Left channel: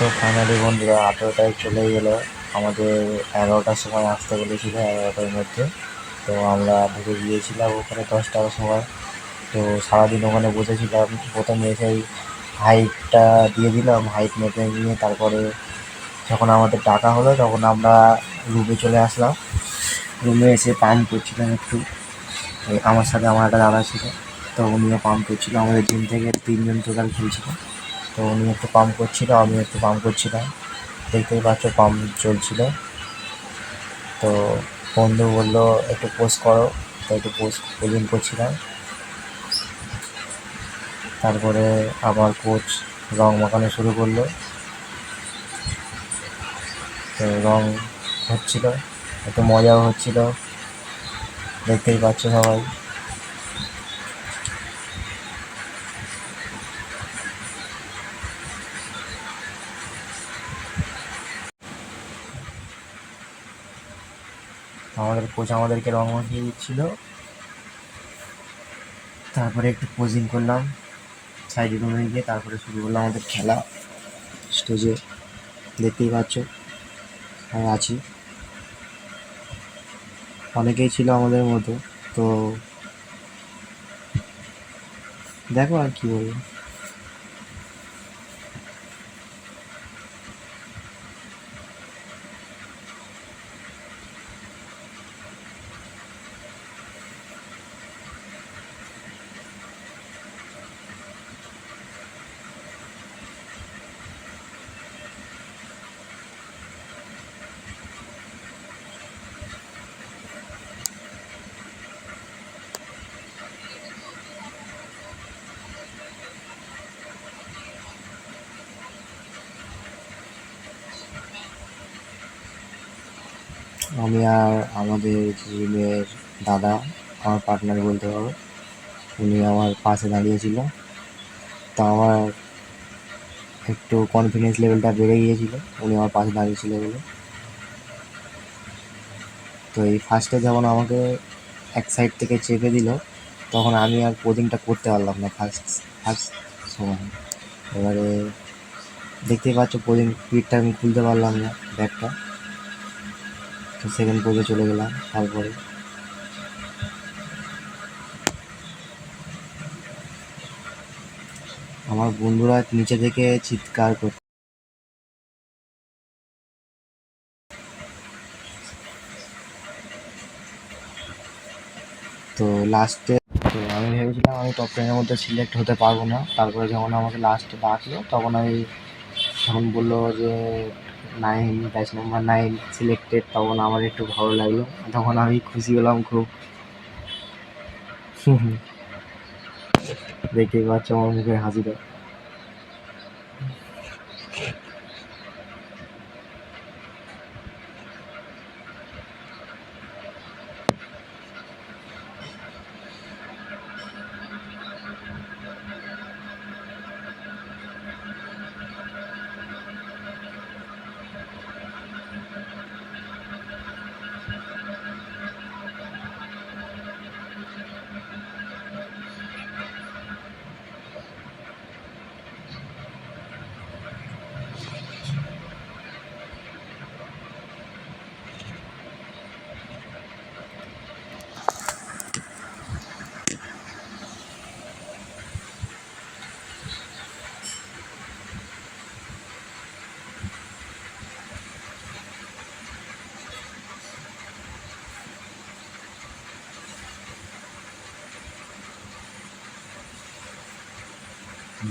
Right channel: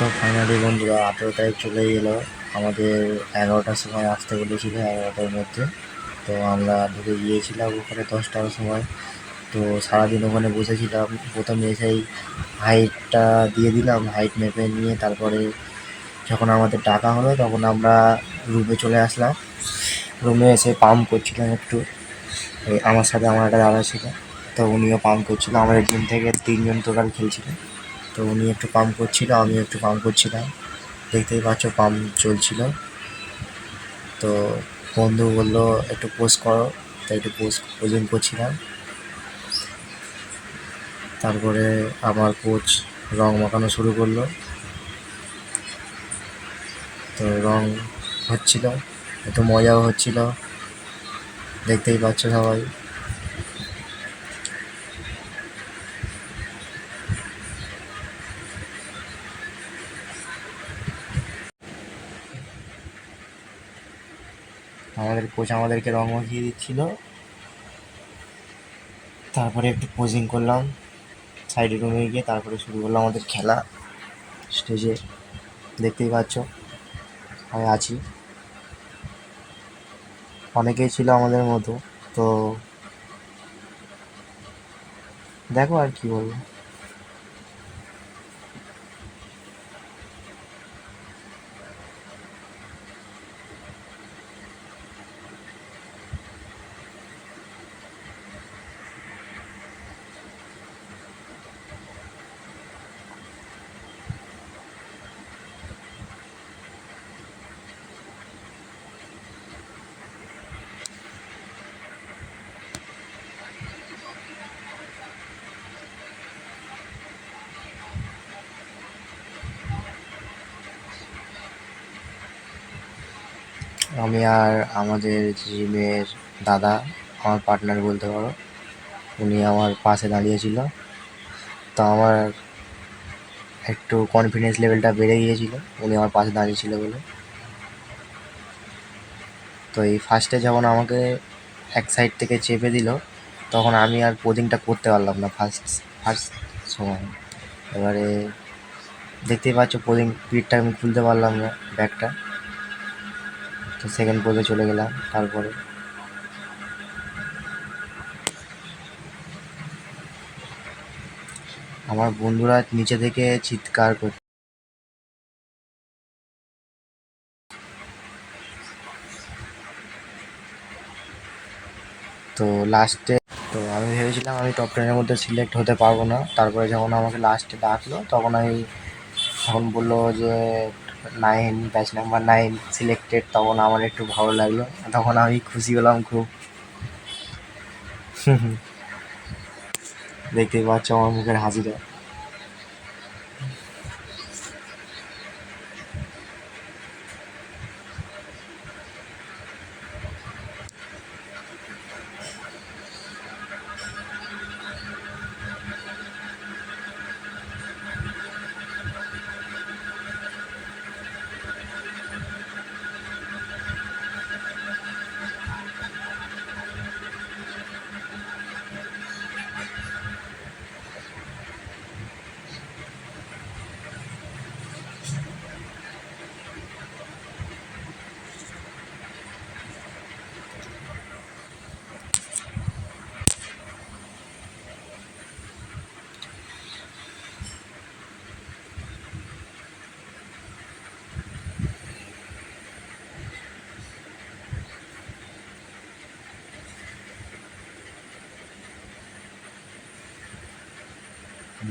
তো ফাইনালি বন্ধুরা 18 তারিখ চলেই গেলো। আমাদের 11টার সময় আসতে বলেছিল, 11টার মধ্যে। তো আমরা ঢুকে গিয়েছিলাম ওখানে 10টার সময়। তো সারাদিন ওখানে বসেছিলাম। প্রথমে এসেই হাইটটা দিয়ে দিলাম, হাইট মেপে নিয়ে তারপরে যখন আমাদের ডাকা হলো তখন আমরা রুমে চলে আসলাম। রুমে এসে পাম্প করছিলাম একটু। আমার সাথে আমার একটা দাদা ছিল, তো উনিও পাম্প করছিল। আমাদের জিম থেকে 3জন টোটাল খেলছিল। তো উনি একটু পাম্প করছিল, আমিও একটু পাম্প করছিলাম। দেখতেই পাচ্ছ পাম্প চলছিল। তো বন্ধু বললো একটু পোস্ট করো, তো একটু পোজিং করছিলাম। তারপরে আমার কোচ রং মাখানো শুরু করলো। তো রং হচ্ছিল, একটু মজাও হচ্ছিল, দেখতেই পাচ্ছ সবাই। আমাদের কোচ আমাদেরকে রং মাখিয়ে দিচ্ছিল। তারপরে একটু পোজিং করলাম সাইডে রুমে গিয়ে। তারপরে শুরু করলাম আমাদের খেলা। স্টেজে দেখতেই পাচ্ছ আমি আছি, অনেকেই ছিল আমাদের মতো। তো দেখো আর কি বলবো। আমি আর আমাদের জিমের দাদা, আমার পার্টনার বলতে পারো, উনি আমার পাশে দাঁড়িয়েছিল। তো আমার একটু কনফিডেন্স লেভেলটা বেড়ে গিয়েছিল উনি আমার পাশে দাঁড়িয়েছিল বলে। তো এই ফার্স্টে যখন আমাকে এক সাইড থেকে চেপে দিল, তখন আমি আর পোজিংটা করতে পারলাম না ফার্স্ট ফার্স্ট সময়। এবারে দেখতেই পাচ্ছ পোজিং পিঠটা আমি খুলতে পারলাম না, ব্যাগটা। তো সেকেন্ড পোজে চলে গেলাম। তারপরে আমার বন্ধুরা নিচে থেকে চিৎকার করছে। তো লাস্টে তো আমি ভেবেছিলাম আমি টপ 10-এর মধ্যে সিলেক্ট হতে পারবো না। তারপরে যখন আমাকে লাস্টে ডাকলো তখন বললো যে 9, ব্যাচ নাম্বার 9 সিলেক্টেড। তখন আমার একটু ভালো লাগলো, তখন আমি খুশি হলাম খুব। দেখতেই পাচ্ছ আমার মুখের হাসিটা।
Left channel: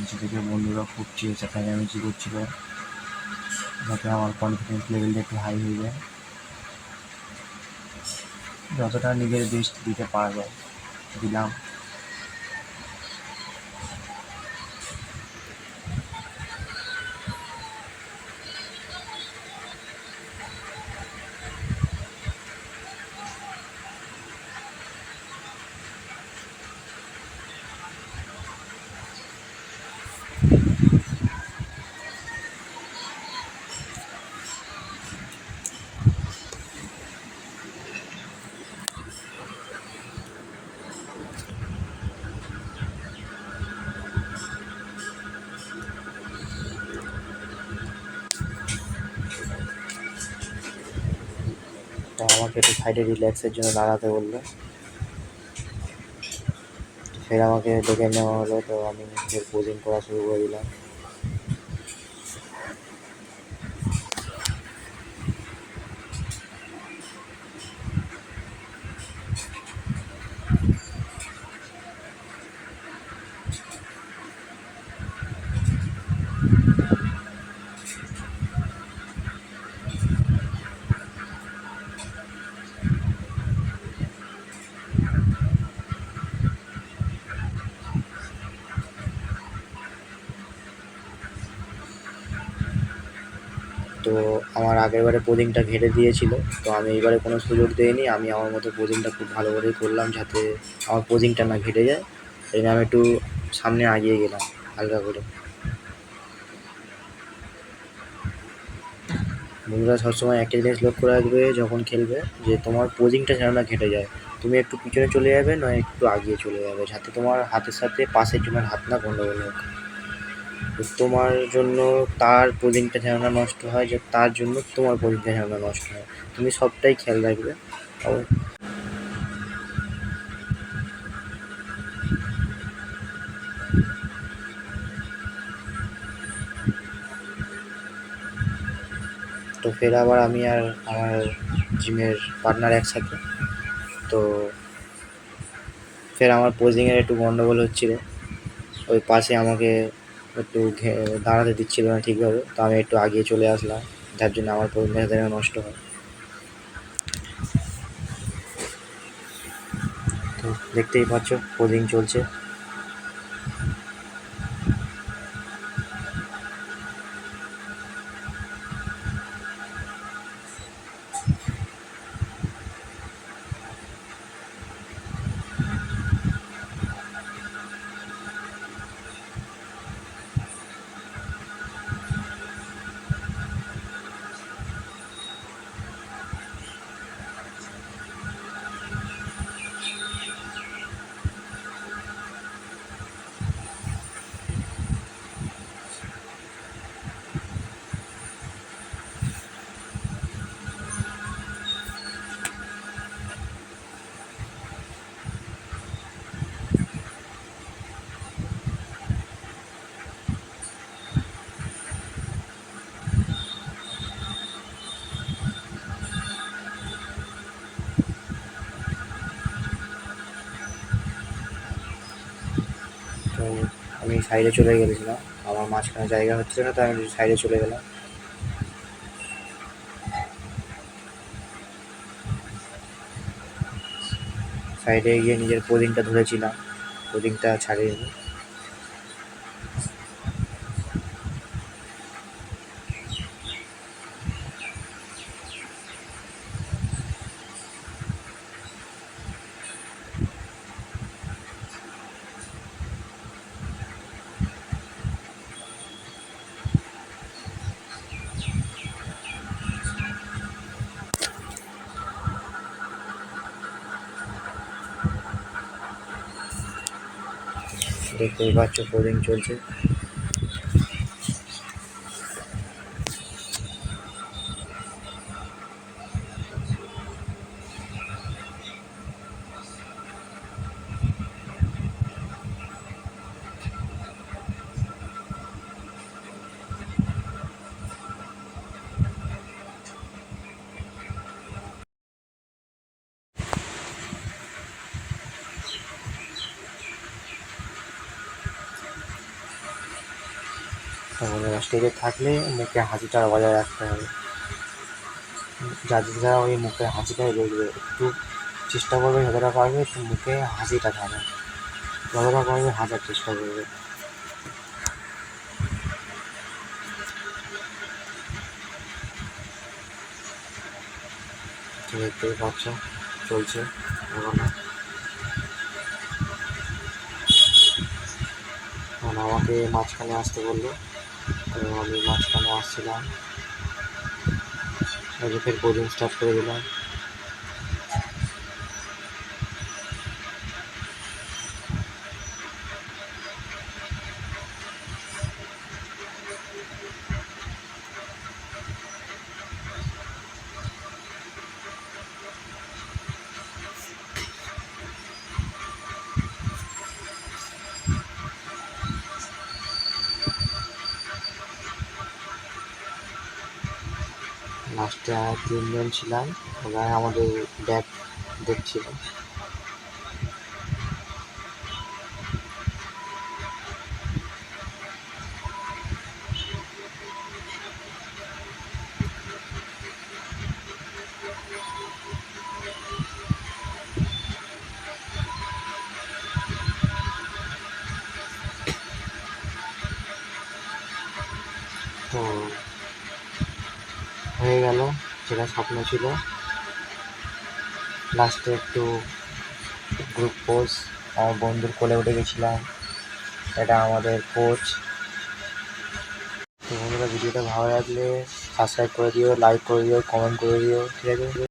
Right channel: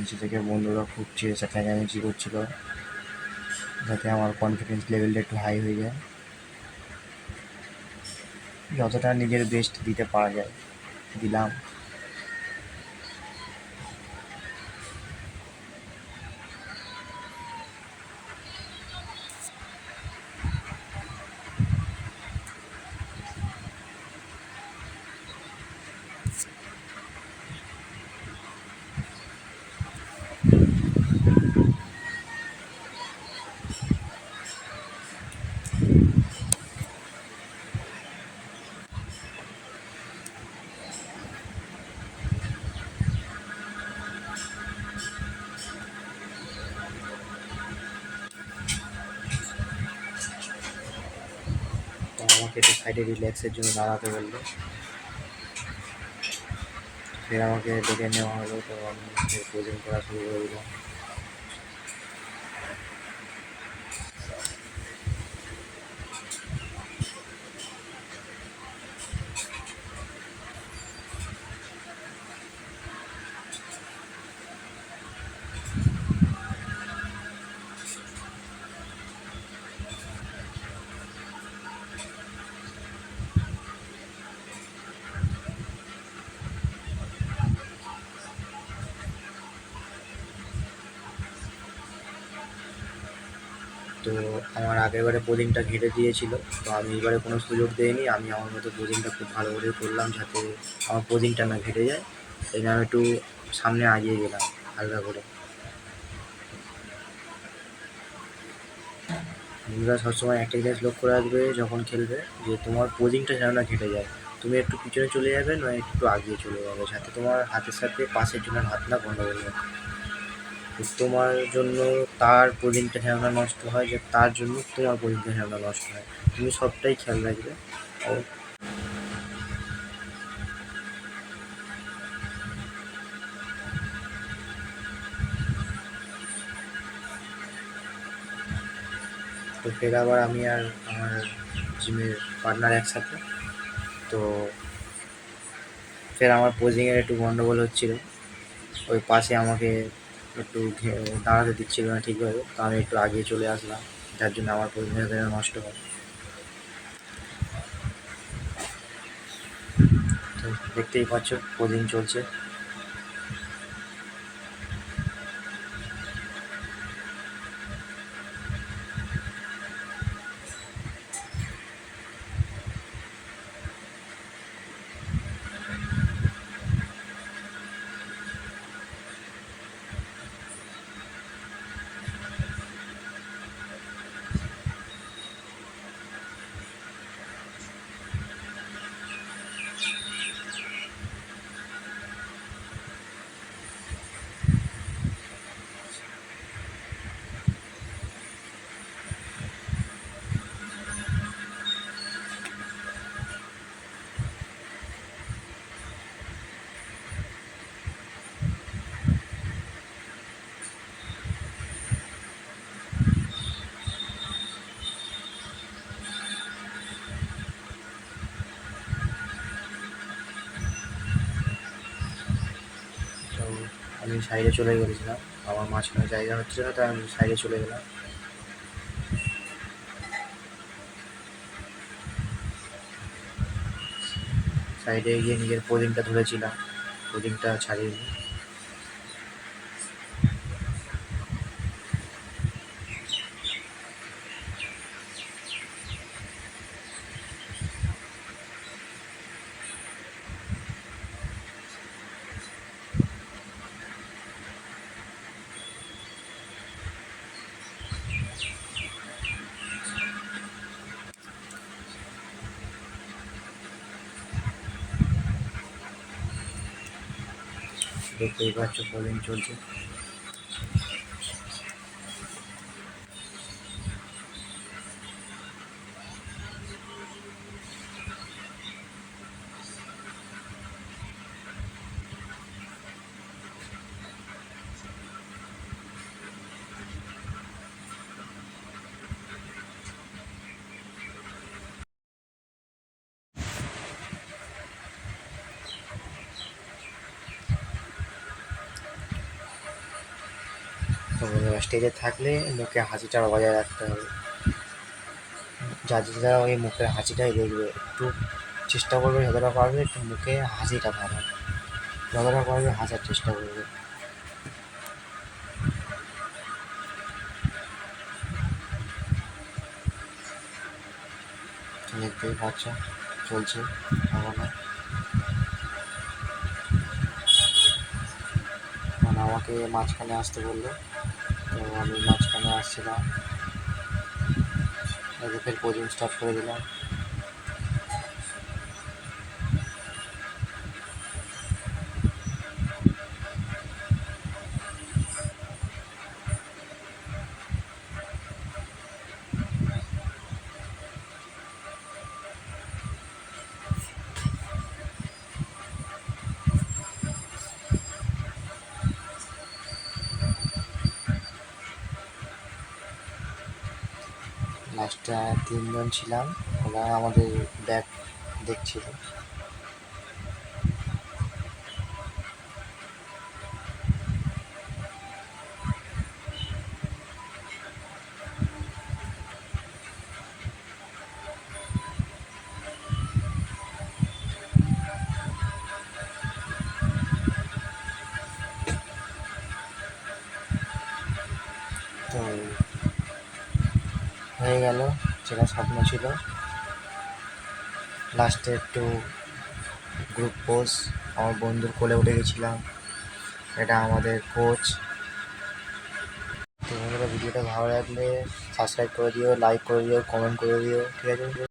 নিচে থেকে বন্ধুরা খুব চেঁচামেচি করছিল যাতে আমার কনফিডেন্স লেভেলটা একটু হাই হয়ে যায়, যতটা নিজের বেস্ট দিতে পারা যায় দিলাম। তো আমাকে একটু সাইডে রিল্যাক্সের জন্য দাঁড়াতে বললো। ফের আমাকে ডেকে নেওয়া হলো, তো আমি ফের পোজিং করা শুরু করে দিলাম। তো আমার আগের বারে পোজিংটা ঘেটে দিয়েছিল, তো আমি এইবারে কোনো সুযোগ দিইনি। আমি আমার মতো পোজিংটা খুব ভালো করেই করলাম, যাতে আমার পোজিংটা না ঘেটে যায়। এই আমি একটু সামনে এগিয়ে গেলাম হালকা করে। বন্ধুরা সবসময় একটা জিনিস লক্ষ্য রাখবে যখন খেলবে, যে তোমার পোজিংটা যেন না ঘেটে যায়। তুমি একটু পিছনে চলে যাবে, নয় একটু আগিয়ে চলে যাবে, যাতে তোমার হাতের সাথে পাশের জনের হাত না গন্ডগোল হোক। তো তোমার জন্য তার পোজিংটা যেন না নষ্ট হয়, যে তার জন্য তোমার পোজিংটা যেন না নষ্ট হয়, তুমি সবটাই খেয়াল রাখবে। তো ফের আবার আমি আর আমার জিমের পার্টনার একসাথে। তো ফের আমার পোজিংয়ের একটু গন্ডগোল হচ্ছিলো, ওই পাশে আমাকে একটু দাঁড়াতে দিচ্ছিল না ঠিকভাবে। তো আমি একটু আগিয়ে চলে আসলাম, যার জন্য আমার পোজিংটা যেন নষ্ট হয়। তো দেখতেই পাচ্ছ পোজিং চলছে। তো আমি সাইডে চলে গেছিলাম, আমার মাঝখানে জায়গা হচ্ছে না, তো আমি সাইডে চলে গেলাম। সাইডে গিয়ে নিজের পোজিংটা ধরেছিলাম, পোজিংটা ছাড়িনি। দেখতেই পাচ্ছ পোজিং চলছে। তো বন্ধুরা স্টেজে থাকলে মুখে হাসিটা বজায় রাখতে হবে, যারা ওই মুখের হাসিটাই দেখবে। একটু চেষ্টা করবে যতটা পারবে একটু মুখে হাসিটা থাকা, যতটা পারবে হাসার চেষ্টা করবে। তো দেখতেই পাচ্ছ চলছে এখনো। মানে আমাকে মাঝখানে আসতে বললো, তো আমি মাঝখানে আসছিলাম, ফের কোচিং স্টার্ট করে দিলাম। লাস্টে আর 3 জন ছিলাম, ওরা আমাদের ব্যাগ দেখছিল। তো হয়ে গেল যেটা স্বপ্ন ছিল। লাস্টে একটু গ্রুপ পোজ আমার বন্ধুর কোলে উঠে গেছিলাম, এটা আমাদের কোচ। তো বন্ধুরা, ভিডিওটা ভালো লাগলে সাবস্ক্রাইব করে দিও, লাইক করে দিও, কমেন্ট করে দিও, ঠিক আছে?